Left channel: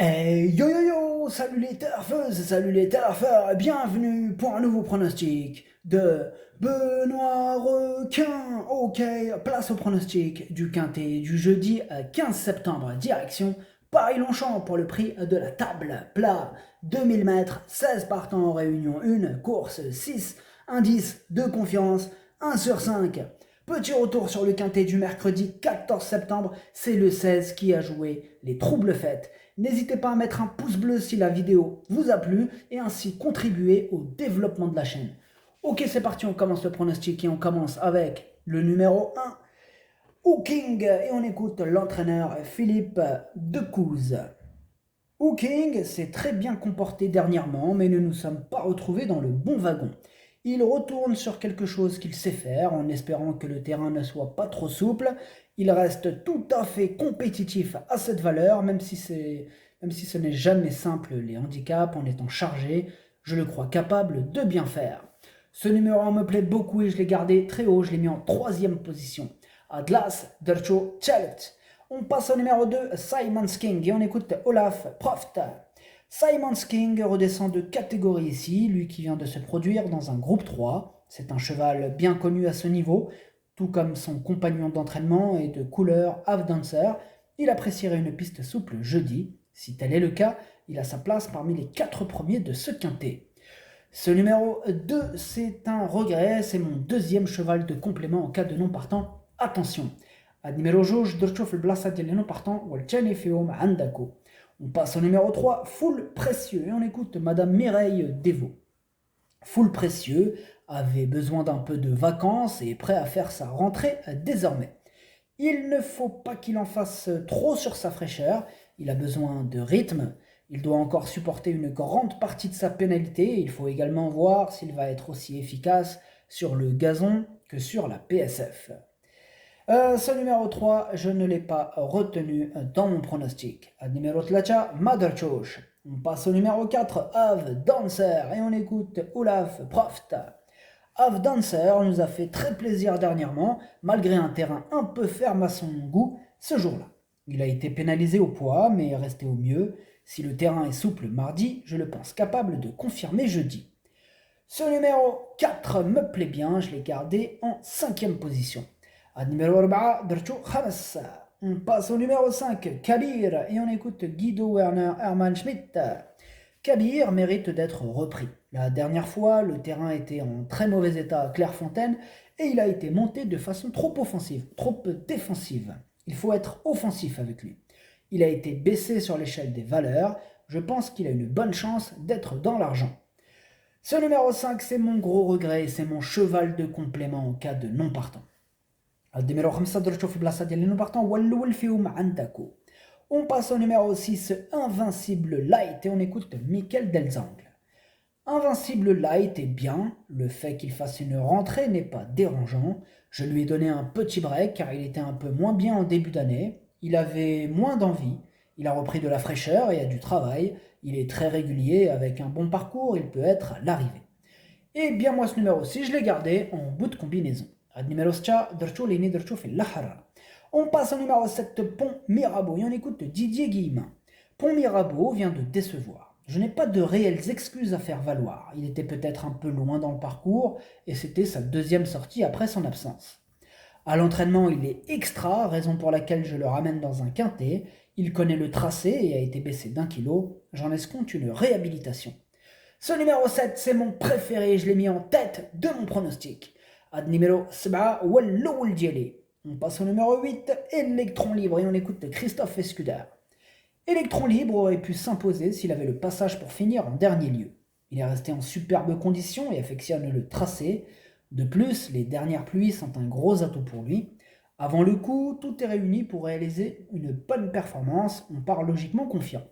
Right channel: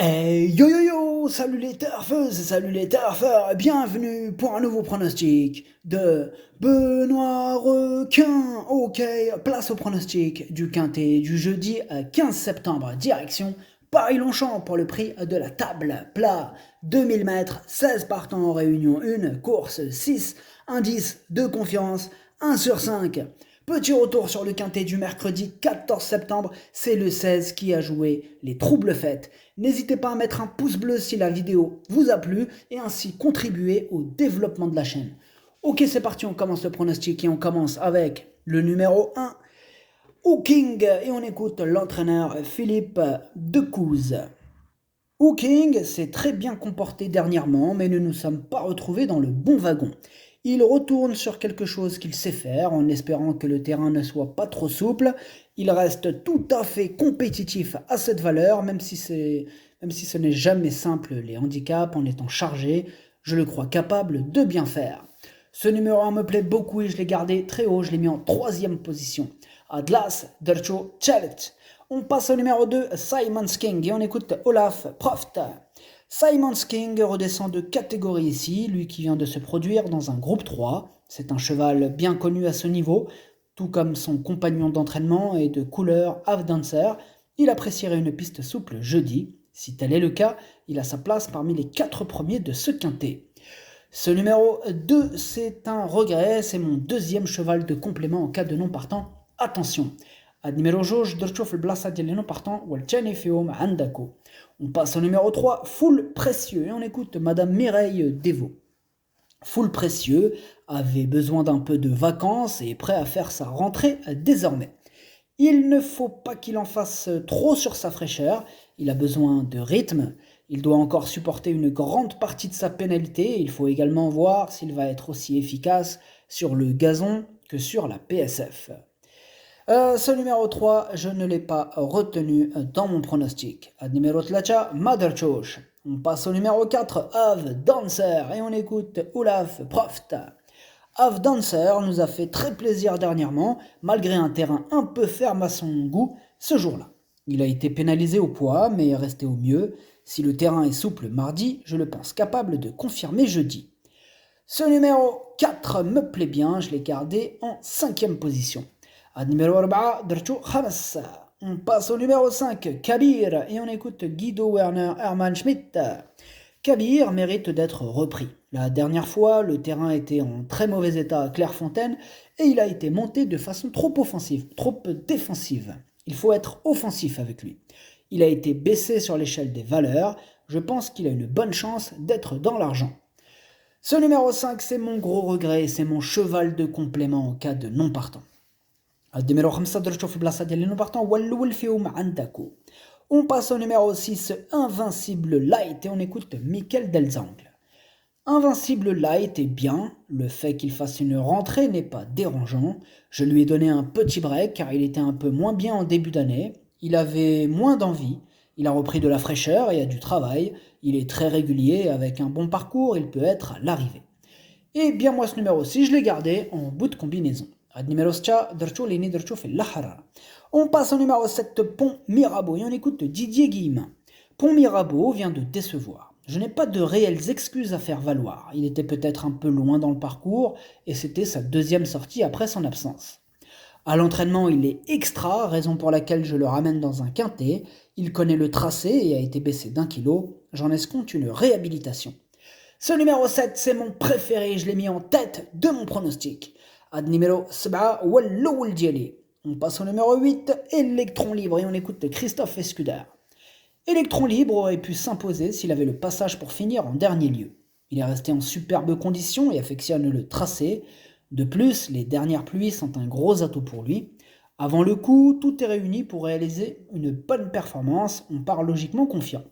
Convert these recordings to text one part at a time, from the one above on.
Yo yo yo, salut les turfeuses, salut les turfeurs, bienvenue pour un nouveau pronostic de Benoît Requin. Ok, place au pronostic du quintet du jeudi 15 septembre, direction Paris-Longchamp pour le prix de la table plat. 2000 mètres, 16 partants en réunion 1, course 6, indice de confiance 1 sur 5. Petit retour sur le quintet du mercredi 14 septembre, c'est le 16 qui a joué les troubles fêtes. N'hésitez pas à mettre un pouce bleu si la vidéo vous a plu et ainsi contribuer au développement de la chaîne. Ok, c'est parti, on commence le pronostic et on commence avec le numéro 1, Hooking, et on écoute l'entraîneur Philippe Decouze. Hooking s'est très bien comporté dernièrement, mais ne nous sommes pas retrouvés dans le bon wagon. Il retourne sur quelque chose qu'il sait faire, en espérant que le terrain ne soit pas trop souple. Il reste tout à fait compétitif à cette valeur, même si ce n'est jamais simple les handicaps en étant chargé. Je le crois capable de bien faire. Ce numéro 1 me plaît beaucoup et je l'ai gardé très haut, je l'ai mis en troisième position. Atlas Dercho Chalet. On passe au numéro 2, Simon's King, et on écoute Olaf Proft. Simon's King redescend de catégorie ici, lui qui vient de se produire dans un groupe 3. C'est un cheval bien connu à ce niveau, tout comme son compagnon d'entraînement et de couleur Half Dancer. Il apprécierait une piste souple jeudi. Si tel est le cas, il a sa place parmi les 4 premiers de ce quintet. Ce numéro 2, c'est un regret, c'est mon deuxième cheval de complément en cas de non partant. Attention, à numéro جوج درتو في البلاصة ديال لي نون بارتون والثاني فيهم عندكو. On passe au numéro 3, Full Précieux, et on écoute Madame Mireille Devaux. Full Précieux avait besoin d'un peu de vacances et est prêt à faire sa rentrée désormais. Il ne faut pas qu'il en fasse trop sur sa fraîcheur, il a besoin de rythme, il doit encore supporter une grande partie de sa pénalité et il faut également voir s'il va être aussi efficace sur le gazon que sur la PSF. Ce numéro 3, je ne l'ai pas retenu dans mon pronostic. Ad numéro 3, Mother Chosh. On passe au numéro 4, Av Dancer, et on écoute Olaf Proft. Av Dancer nous a fait très plaisir dernièrement, malgré un terrain un peu ferme à son goût ce jour-là. Il a été pénalisé au poids, mais est resté au mieux. Si le terrain est souple mardi, je le pense capable de confirmer jeudi. Ce numéro 4 me plaît bien, je l'ai gardé en 5e position. Ad numéro 4, درتو خمس. On passe au numéro 5, Kabir, et on écoute Guido Werner Hermann Schmidt. Kabir mérite d'être repris. La dernière fois, le terrain était en très mauvais état à Clairefontaine et il a été monté de façon trop offensive, trop défensive. Il faut être offensif avec lui. Il a été baissé sur l'échelle des valeurs. Je pense qu'il a une bonne chance d'être dans l'argent. Ce numéro 5, c'est mon gros regret, c'est mon cheval de complément en cas de non partant. النمرة 5 درتو في البلاصة ديال لي نون بارتون هو الأول فيهم عندكو. On passe au numéro 6, Invincible Light, et on écoute Michael Delzangle. Invincible Light est bien, le fait qu'il fasse une rentrée n'est pas dérangeant. Je lui ai donné un petit break car il était un peu moins bien en début d'année. Il avait moins d'envie, il a repris de la fraîcheur et a du travail. Il est très régulier, avec un bon parcours, il peut être l'arrivée. Et bien moi ce numéro 6, je l'ai gardé en bout de combinaison. On passe au numéro 7, Pont Mirabeau, et on écoute Didier Guillemin. Pont Mirabeau vient de décevoir. Je n'ai pas de réelles excuses à faire valoir. Il était peut-être un peu loin dans le parcours et c'était sa deuxième sortie après son absence. À l'entraînement, il est extra, raison pour laquelle je le ramène dans un quintet. Il connaît le tracé et a été baissé d'1 kilo. J'en escompte une réhabilitation. Ce numéro 7, c'est mon préféré, je l'ai mis en tête de mon pronostic. Ad numéro 7, Walloul Diali. On passe au numéro 8, Electron Libre, et on écoute Christophe Escuder. Electron Libre aurait pu s'imposer s'il avait le passage pour finir en dernier lieu. Il est resté en superbe condition et affectionne le tracé. De plus, les dernières pluies sont un gros atout pour lui. Avant le coup, tout est réuni pour réaliser une bonne performance, on part logiquement confiant.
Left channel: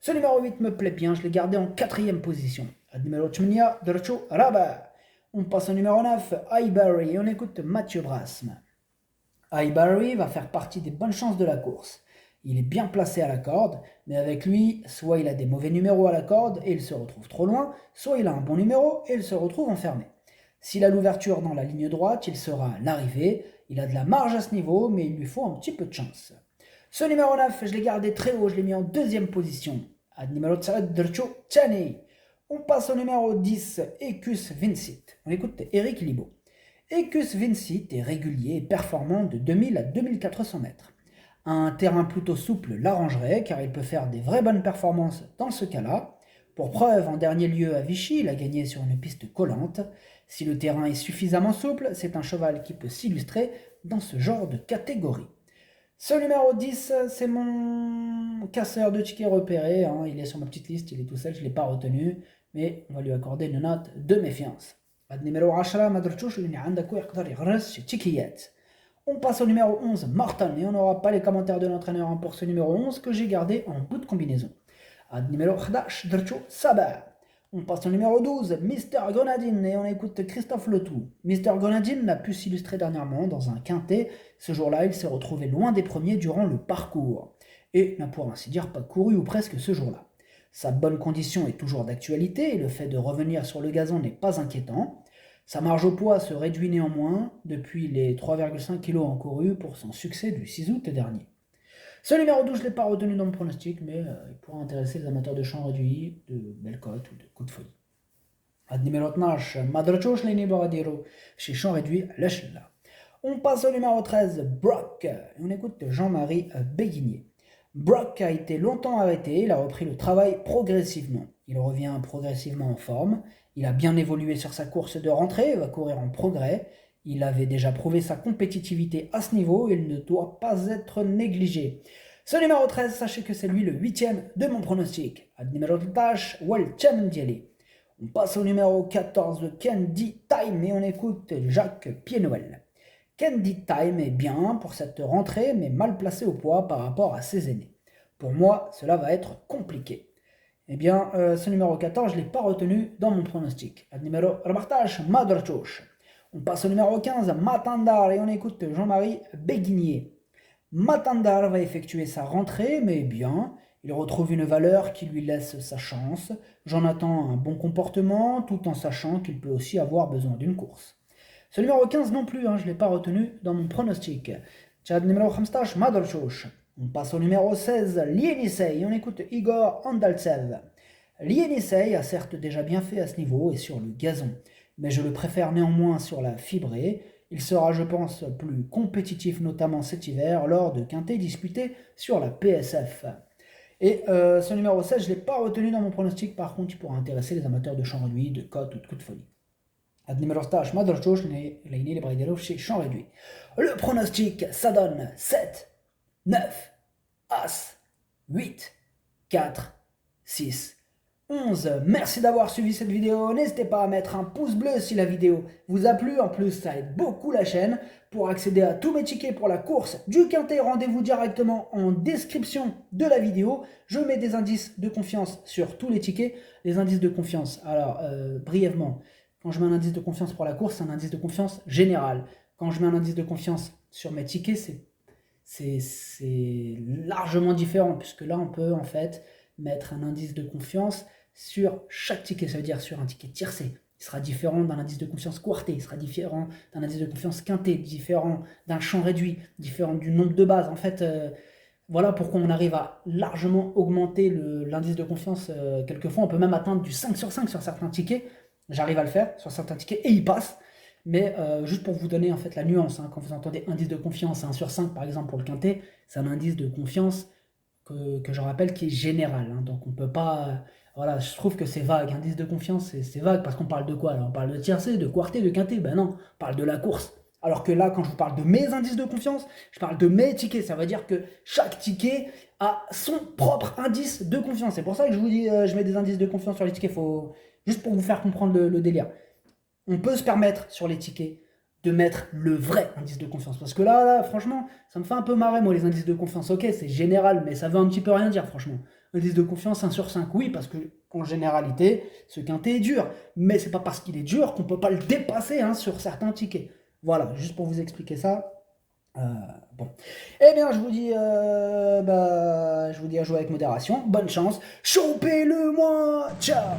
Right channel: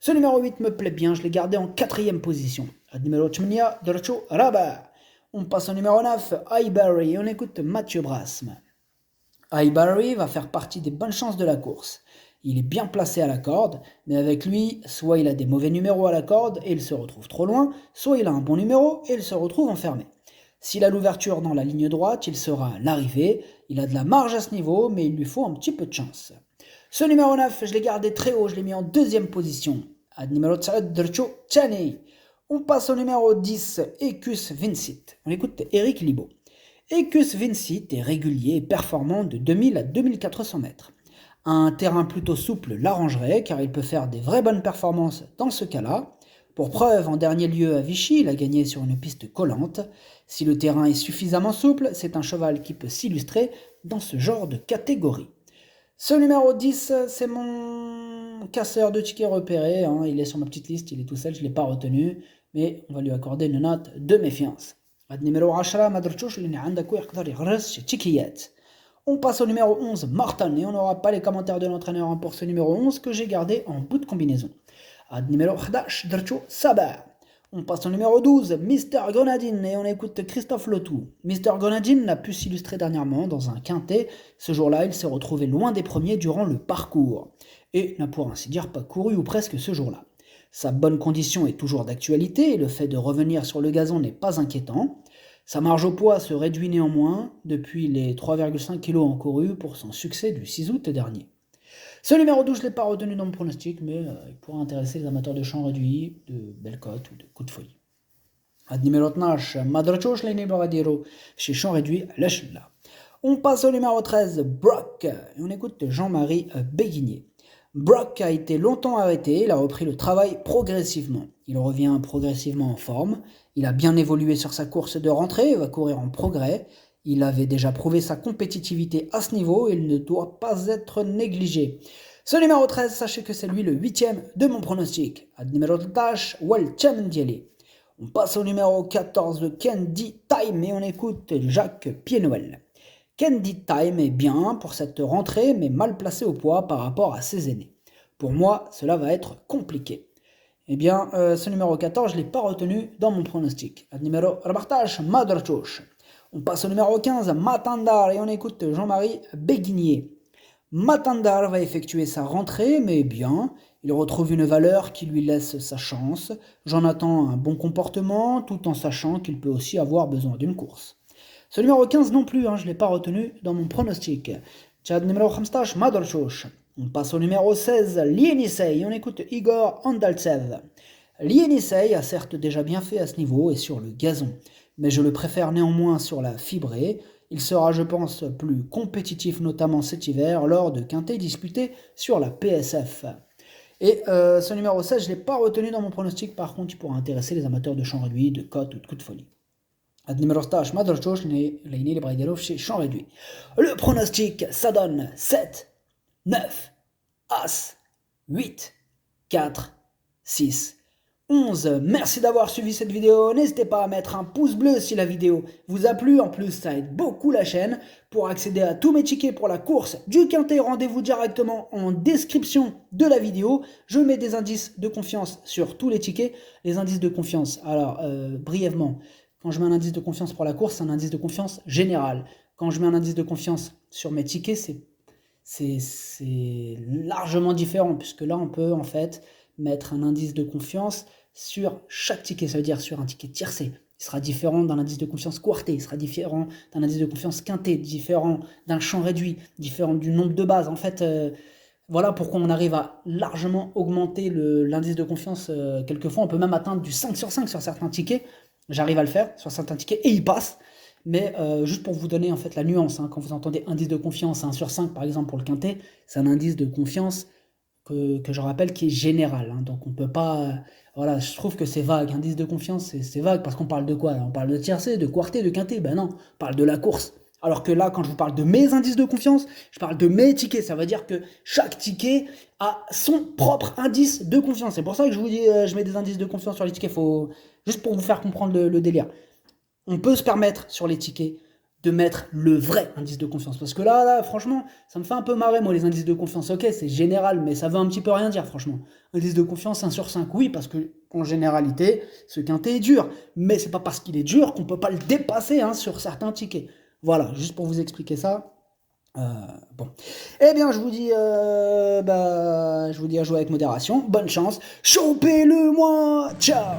Ce numéro 8 me plaît bien, je l'ai gardé en 4e position. Ad numéro 8, Dracho Rabat. On passe au numéro 9, Highbury, et on écoute Mathieu Brasme. Highbury va faire partie des bonnes chances de la course. Il est bien placé à la corde, mais avec lui, soit il a des mauvais numéros à la corde et il se retrouve trop loin, soit il a un bon numéro et il se retrouve enfermé. S'il a l'ouverture dans la ligne droite, il sera à l'arrivée. Il a de la marge à ce niveau, mais il lui faut un petit peu de chance. Ce numéro 9, je l'ai gardé très haut, je l'ai mis en deuxième position. Ad numéro 9, Drcho Tchani. On passe au numéro 10, Ecus Vincit. On écoute Eric Libaud. Ecus Vincit est régulier et performant de 2000 à 2400 mètres. Un terrain plutôt souple l'arrangerait car il peut faire des vraies bonnes performances dans ce cas-là. Pour preuve, en dernier lieu à Vichy, il a gagné sur une piste collante. Si le terrain est suffisamment souple, c'est un cheval qui peut s'illustrer dans ce genre de catégorie. Ce numéro 10, c'est mon casseur de tickets repéré. Il est sur ma petite liste, il est tout seul, je ne l'ai pas retenu. Mais on va lui accorder une note de méfiance. Numéro 10, Madrchouch, on passe au numéro 11, Martin, et on n'aura pas les commentaires de l'entraîneur pour ce numéro 11 que j'ai gardé en bout de combinaison. Numéro 11, Drcho Sabar. On passe au numéro 12, Mister Grenadine, et on écoute Christophe Letou. Mister Grenadine n'a pu s'illustrer dernièrement dans un quintet. Ce jour-là, il s'est retrouvé loin des premiers durant le parcours, et n'a pour ainsi dire pas couru ou presque ce jour-là. Sa bonne condition est toujours d'actualité, et le fait de revenir sur le gazon n'est pas inquiétant. Sa marge au poids se réduit néanmoins depuis les 3,5 kg encourus pour son succès du 6 août dernier. Ce numéro 12, je ne l'ai pas retenu dans mon pronostic, mais il pourra intéresser les amateurs de champ réduit, de belle cote ou de coup de folie. Numéro 12, Madrchouch Leni Boradiro, chez champ réduit à Lechla. On passe au numéro 13, Brock, et on écoute Jean-Marie Béguinier. Brock a été longtemps arrêté, il a repris le travail progressivement. Il revient progressivement en forme, il a bien évolué sur sa course de rentrée et va courir en progrès. Il avait déjà prouvé sa compétitivité à ce niveau et il ne doit pas être négligé. Ce numéro 13, sachez que c'est lui le 8e de mon pronostic. Numéro 13, Welchem Dielé. On passe au numéro 14, Candy Time, et on écoute Jacques Pied-Noël. Candy Time est bien pour cette rentrée, mais mal placé au poids par rapport à ses aînés. Pour moi, cela va être compliqué. Eh bien, ce numéro 14, je ne l'ai pas retenu dans mon pronostic. Numéro 14, Madrchouch. On passe au numéro 15, Matandar, et on écoute Jean-Marie Béguinier. Matandar va effectuer sa rentrée, mais bien. Il retrouve une valeur qui lui laisse sa chance. J'en attends un bon comportement, tout en sachant qu'il peut aussi avoir besoin d'une course. Ce numéro 15 non plus, je ne l'ai pas retenu dans mon pronostic. Tchad numéro 15, Madrchouch. On passe au numéro 16, Lienisei, et on écoute Igor Andaltsev. Lienisei a certes déjà bien fait à ce niveau et sur le gazon, mais je le préfère néanmoins sur la fibrée. Il sera, je pense, plus compétitif, notamment cet hiver, lors de quintets disputés sur la PSF. Et ce numéro 16, je ne l'ai pas retenu dans mon pronostic, par contre, il pourra intéresser les amateurs de champ réduit, de cote ou de coup de folie. Numéro 16, Madrchouch, les Braidelov chez champ réduit. Le pronostic, ça donne 7, 9, As, 8, 4, 6, 11. Merci d'avoir suivi cette vidéo. N'hésitez pas à mettre un pouce bleu si la vidéo vous a plu. En plus, ça aide beaucoup la chaîne. Pour accéder à tous mes tickets pour la course du quintet, rendez-vous directement en description de la vidéo. Je mets des indices de confiance sur tous les tickets. Les indices de confiance, alors brièvement, quand je mets un indice de confiance pour la course, c'est un indice de confiance général. Quand je mets un indice de confiance sur mes tickets, c'est largement différent, puisque là, on peut en fait mettre un indice de confiance sur chaque ticket. Ça veut dire sur un ticket tiercé. Il sera différent d'un indice de confiance quarté, il sera différent d'un indice de confiance quinté, différent d'un champ réduit, différent du nombre de bases. En fait, voilà pourquoi on arrive à largement augmenter l'indice de confiance. Quelquefois, on peut même atteindre du 5 sur 5 sur certains tickets. J'arrive à le faire sur certains tickets et il passe. Mais juste pour vous donner en fait la nuance, quand vous entendez indice de confiance 1 sur 5 par exemple pour le quintet, c'est un indice de confiance que je rappelle qui est général. Donc on peut pas... voilà, je trouve que c'est vague. Indice de confiance, c'est vague parce qu'on parle de quoi là? On parle de tiercé, de quarté, de quintet? Ben non, on parle de la course. Alors que là, quand je vous parle de mes indices de confiance, je parle de mes tickets. Ça veut dire que chaque ticket a son propre indice de confiance. C'est pour ça que je vous dis, je mets des indices de confiance sur les tickets. Juste pour vous faire comprendre le délire. On peut se permettre sur les tickets de mettre le vrai indice de confiance. Parce que là, franchement, ça me fait un peu marrer, moi, les indices de confiance. Ok, c'est général, mais ça veut un petit peu rien dire, franchement. Indice de confiance 1 sur 5, oui, parce que en généralité, ce quintet est dur. Mais c'est pas parce qu'il est dur qu'on peut pas le dépasser sur certains tickets. Voilà, juste pour vous expliquer ça. Bon. Eh bien, je vous dis à jouer avec modération. Bonne chance. Chopez-le moi. Ciao.